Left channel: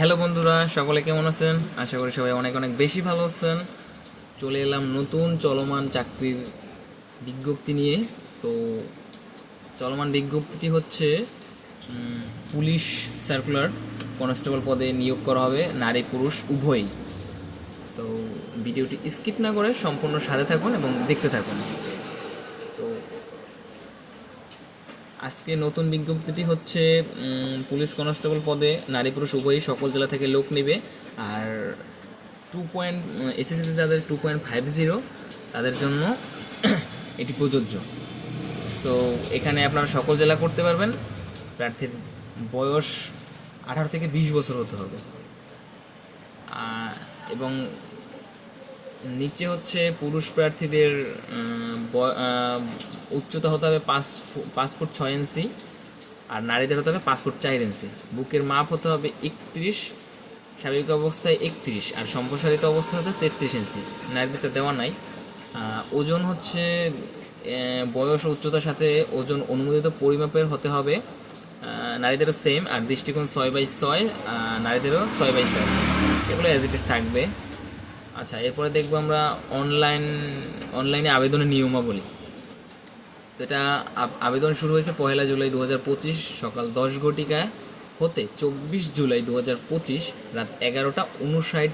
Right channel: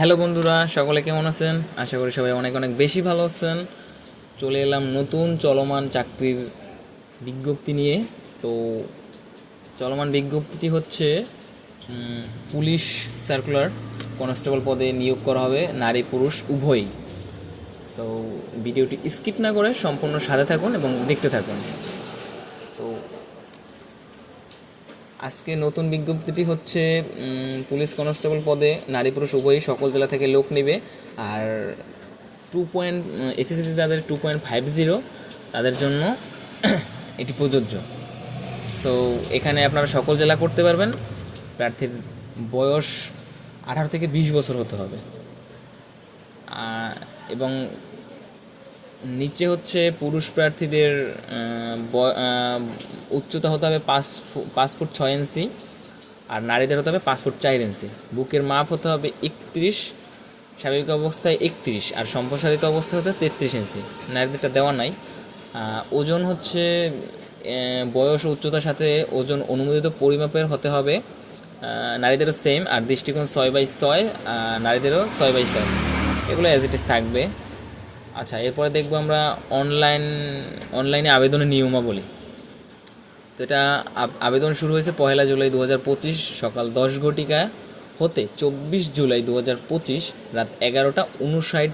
Hello বন্ধুরা, সকলে কেমন আছেন? আশা করি সবাই অনেক অনেক বেশি ভালো আছেন। চলে এলাম নতুন চলমান চাকরির বিজ্ঞপ্তি নিয়ে। তো চলমান বিজ্ঞপ্তিটি হচ্ছে পুলিশ সার্কুলার। কনস্টেবল পদে নিয়োগ করা হবে নারী পুরুষ উভয়ই। সো ভিডিওটি স্কিপ না করে সম্পূর্ণ সাথে থাকুন এবং দেখতে থাকুন। তো আজকে নতুন বিজ্ঞপ্তিটি হচ্ছে পুলিশ কনস্টেবল পদে নারী পুরুষ উভয়ই সকল জেলা থেকে লোক নেবে। আর এসএসসিতে যাদের 2.50 তাদের জন্য এটি প্রযোজ্য। সো এখানে আপনারা সকল জেলা করতে পারবেন। প্রার্থীর বয়স 18 থেকে 20 বছর হতে হবে। এবং নিচে হচ্ছে পুরুষ প্রার্থীদের উচ্চতা হতে হবে 5 ফুট 6 ইঞ্চি, আর নারীদের হতে হবে 5 ফুট 4 ইঞ্চি। বুকের মাপ হতে হবে 31, স্বাভাবিক অবস্থায় 31, আর সম্প্রসারিত অবস্থায় হচ্ছে 33 ইঞ্চি। নারীদেরটা দেওয়া নাই। ওজন হচ্ছে বয়স ও উচ্চতার সাথে ওজন অনুমোদিত পরিমাপের হতে হবে। নারীদেরও সেম, আর দৃষ্টিকোণ 6/6, নারীদেরও 6/6। এগুলো অ্যাজ ইট ইজ থাকবে। আচ্ছা, এরপরে দেখবো আমরা অনলাইনে আবেদনের নিয়মাবলী। তো এটা আবেদন শুরু হয়েছে 1 জুলাই 2025 সকাল 10 ঘটিকা হতে 24 জুলাই 2025 রাত 11:59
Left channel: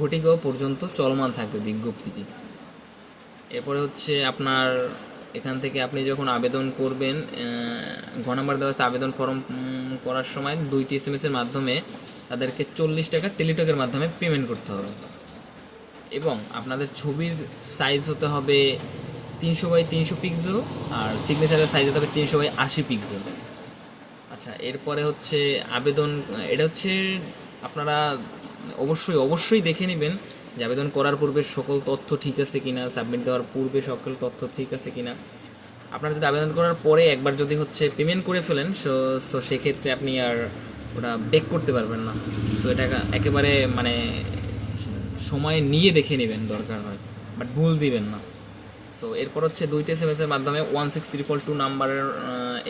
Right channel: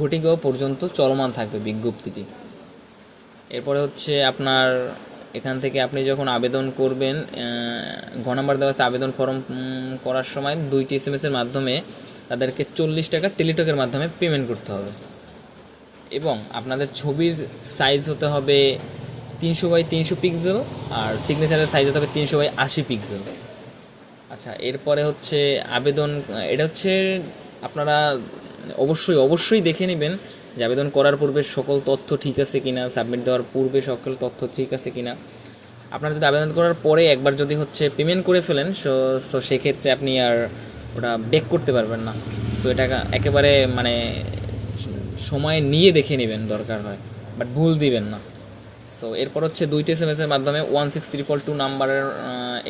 ঘটিকা পর্যন্ত চলমান থাকবে বিজ্ঞপ্তিটি। এরপরে হচ্ছে আপনার এখান থেকে আপনি যখন আবেদন করবেন, ঘ নাম্বার দেওয়া আছে আবেদন ফর্ম করার সময় 2টি SMS-এর মাধ্যমে তাদেরকে 40 টাকা টেলিটকের মাধ্যমে পেমেন্ট করতে হবে। এবং আপনাদের ছবির সাইজ হতে হবে 300x300 পিক্সেল, আর সিগনেচারের সাইজ হতে হবে 300x80 পিক্সেল। আচ্ছা, এরপরে হচ্ছে আবেদন, এটা হচ্ছে আপনারা অবশ্যই দেখে নেবেন যে আবেদন করার পূর্বে সকল তথ্য ঠিক আছে কিনা, সাবমিট দেওয়ার পূর্বে সকল তথ্য ঠিক আছে কিনা। আপনারা যদি আবেদন করার পরে একবার যদি হচ্ছে পেমেন্ট করে ফেলেন, সো সেক্ষেত্রে আপনি আর ওটা ব্যাক করতে পারবেন না। সো এটা একেবারে মানে সময় নিয়ে দেখে নেবেন দরকার হয়, বাট ভুল দিবেন না। সো এরপর হচ্ছে 2টি SMS-এর মাধ্যমে 16322 নাম্বারের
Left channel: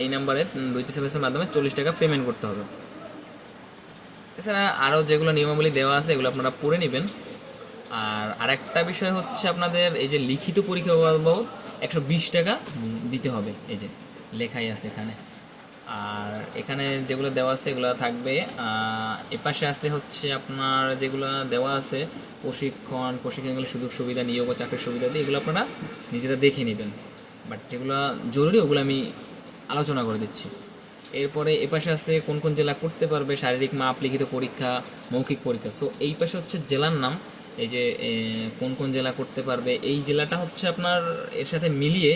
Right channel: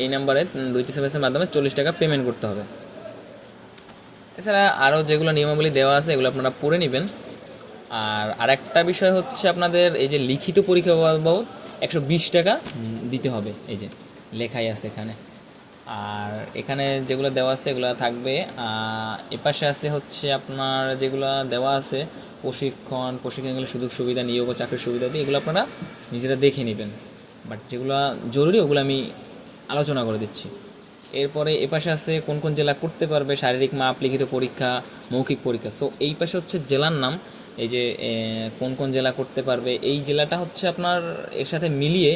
এই নাম্বারে 2টি SMS-এর মাধ্যমে 40 টাকা পেমেন্ট করতে হবে। এছাড়া আরও যেগুলো নিয়মাবলী দেওয়া আছে এগুলো আপনারা পড়ে নেবেন। আর আরেকটা বিষয় হচ্ছে আপনাদের এই যে লিখিত পরীক্ষা বাবদ 120 টাকা দিতে হবে, এই যে লেখাই আছে এখানে। আর এখানে যেগুলো দেওয়া আছে এগুলো থাকবে। এপাশে আছে হচ্ছে আপনার যেগুলো দেওয়া আছে প্রশিক্ষণগুলো সুযোগ সুবিধা, নিয়োগ ও চাকরির সুবিধা দিয়ে এগুলো আপনারা নিজেরা দেখে নেবেন। বাট যেগুলো জরুরি ওগুলো আমি আলোচনা করে দিচ্ছি। এরপরে এপাশে আছে কোন কোন জেলা করতে পারবে, শারীরিক মাপ, লিখিত পরীক্ষা, মৌখিক পরীক্ষা। সো এই পাশে হচ্ছে জেলার নাম, এই যে কোন কোন জেলা করতে পারবে, এই জেলাটা হচ্ছে আপনার এর সাথে মিলিয়ে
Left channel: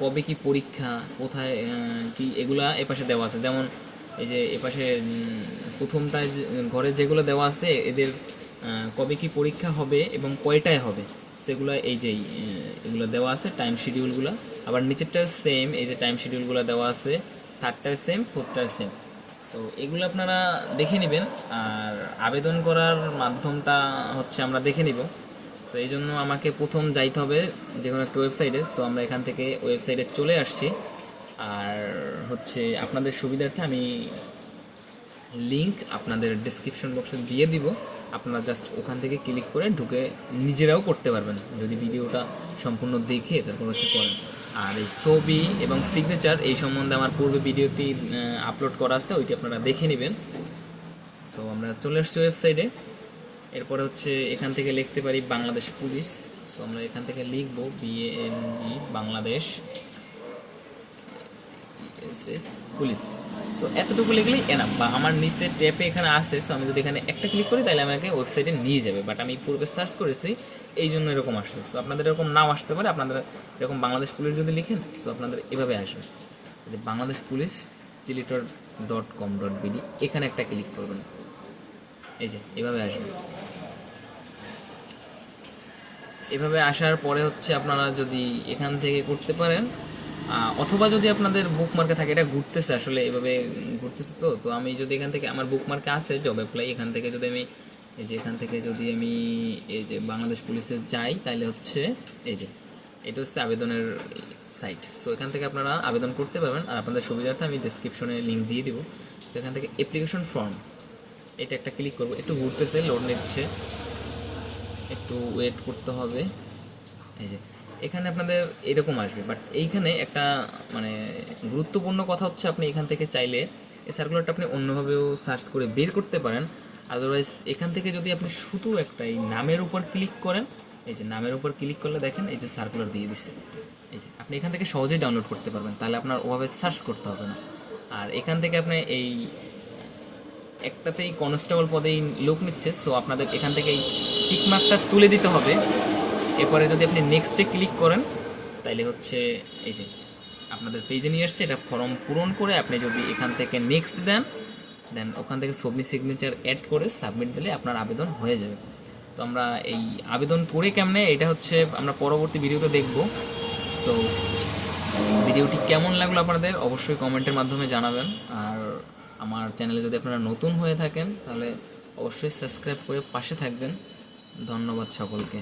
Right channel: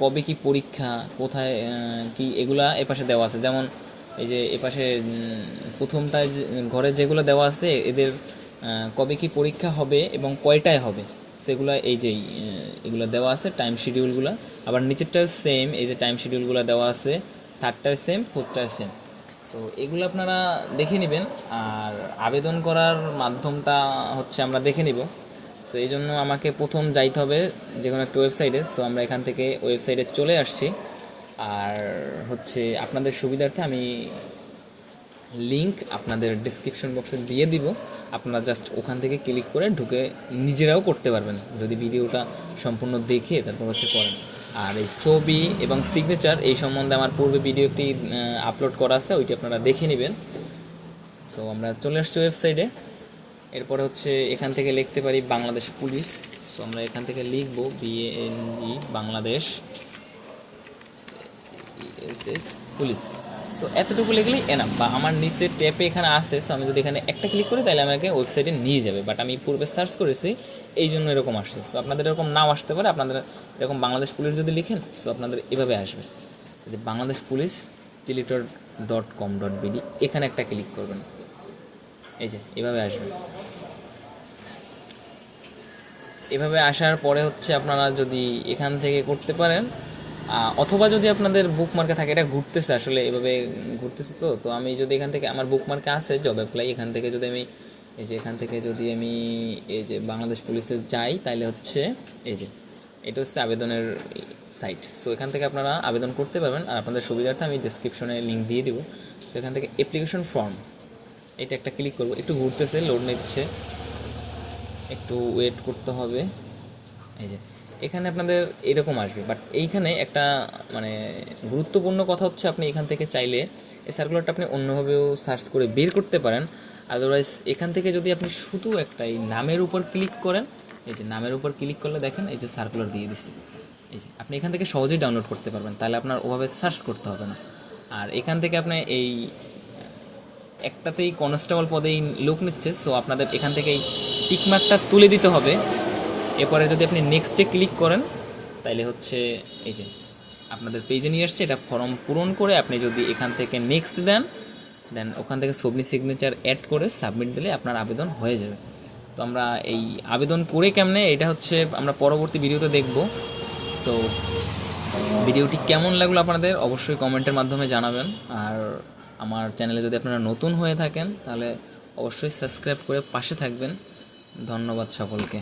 কবে কি পরীক্ষা, কোথায় কি, এগুলা এপাশে দেওয়া আছে। যেমন এই যে এপাশে প্রথমটায় ঘরে যেগুলো দেওয়া আছে এদের কবে কি পরীক্ষা হবে এবং কয়টায় হবে সেগুলো এই যে এগুলো দেওয়া আছে টাইম শিডিউলগুলো। আবার নিচেরটাও সেম, এই যে টাইম শিডিউলগুলো দেওয়া আছে, থার্ডটায় সেম, ফোর্থটায় সেম। সো এগুলো আপনারা দেখে নেবেন। আর আবেদন করার মাধ্যমটা হচ্ছে আমরা দেখে নিব। সো এই জন্য আমাকে প্রথম যাইতে হবে যে কোনো একটা ওয়েবসাইটে। সো আমরা এখান থেকে ওয়েবসাইটে চলে আসছি। আর হচ্ছে আপনাদের সুবিধার্থে আমি লিংক আপনাদের ডেসক্রিপশন বক্সে দিয়ে দিব। আপনারা জাস্ট ওখান থেকে ক্লিক করে ঢুকে নিজেরাও করতে পারবেন যদি ভিডিওটা সম্পূর্ণ দেখে তারপর হচ্ছে করেন। আর এই ছবি এবং সিগনেচার এই সম্বন্ধে আমার পূর্বে ভিডিও একটি আপলোড করা আছে, ওইটি আপনারা দেখে নেবেন। সো আমরা চলে আসছি ওয়েবসাইটে। এরপরে হচ্ছে এখান থেকে লিখতে পারি বাংলাদেশ পুলিশ। সো আমরা এখান থেকে লিখব BANG Bangladesh S police. So এতটুকু লিখলেই এনাফ। বা আমার নিচে ট্যাপে এখানে আসে, সো আমি যদি এখানে একটা ক্লিক করি তাহলে আমাকে ওয়েবসাইটে নিয়ে যাবে। বাট আমি পূর্বে সার্চ করেছি এই জন্য এরকম আসছে। সো আপনাদের এরকম নাও আসতে পারে, আপনাদের এরকম বাংলাদেশ পুলিশ যদি লিখেন সো আপনাদের এভাবে আসবে, যদি বাংলাদেশ পুলিশ টেলিটর.com.bd এখানে একটা ক্লিক করবেন, এই যে এভাবে আসবে। এভাবে আসার পরে হচ্ছে আপনারা যদি এখান থেকে করতে পারেন, অথবা যদি আপনাদের বুকমার্কে থাকে, এটা ঘুরতেছে আসলে এভাবে ঘুরতেছে। তো আমি যদি এখান থেকে আমার বুকমার্কে আছে জব অ্যাপ্লাই, এখান থেকে যদি আমি এই যে এখান থেকে যদি আমি এই যে বাংলাদেশ পুলিশে যাই তাহলে হচ্ছে এই যে এটা হচ্ছে আবেদনের সাইট। সো এখান থেকে আপনারা আবেদন করতে পারবেন। আর আপনাদের সুবিধার্থে আমি ডেসক্রিপশনে লিঙ্ক দিয়ে দিব। সো এখান থেকে অ্যাপ্লিকেশন ফর্ম, এটা একটা ক্লিক করব, একটু ঘুরতেছে, লোড নিচ্ছে, একটু ওয়েট করতে হবে। এই যে এখানে আপনাদের এরকম আসবে, বাট এইখানে একটা মানে গুরুত্বপূর্ণ কথা হচ্ছে আপনি এখান থেকে চাইলে এই সার্কুলারটা আপনি অন্যভাবেও সার্চ করে বের করতে পারেন। আদারওয়াইজ এখান থেকে যদি আপনি শুধু একটা এই নামের উপর ক্লিক করেন, এই যে নামের উপর ক্লিক করলে দেখেন এই যে সার্কুলার দিয়ে দিচ্ছে। এই যে আপনি এখান থেকে সহজেই ডাউনলোড করতে পারবেন, তাহলে আপনার ওভাবে সার্চ করতে হবে না। আর এখান থেকে আপনি এই একটাতেই কনস্টেবল পদেই লোক নিচ্ছে, সো আপনাদের এখান থেকে এই টিকমার্কটা তুলে দিতে হবে। এরপরে যদি আপনি নেক্সটে ক্লিক করেন তাহলে হচ্ছে এই যে আপনাদের পেজে নিয়ে আসছে, এটা ফর্ম পূরণ করে আপনি যদি এখান থেকে নেক্সট দেন, দেন ওখান থেকে সবমিট সিগনেচার অ্যাড করে সাবমিট দিলে আপনার আবেদন হয়ে যাবে। তো আমরা এই আবেদন করে কেমনে এটা হচ্ছে আমরা পরবর্তী ভিডিওতে দেখব। সো ভিডিওটি কেমন লাগলো আপনাদের অবশ্যই কমেন্টের মাধ্যমে জানাবেন। আর আমার চ্যানেলে যদি আপনারা নতুন হয়ে থাকেন তাহলে অবশ্যই সাবস্ক্রাইব করে পাশে থাকবেন। ধন্যবাদ সকলকে।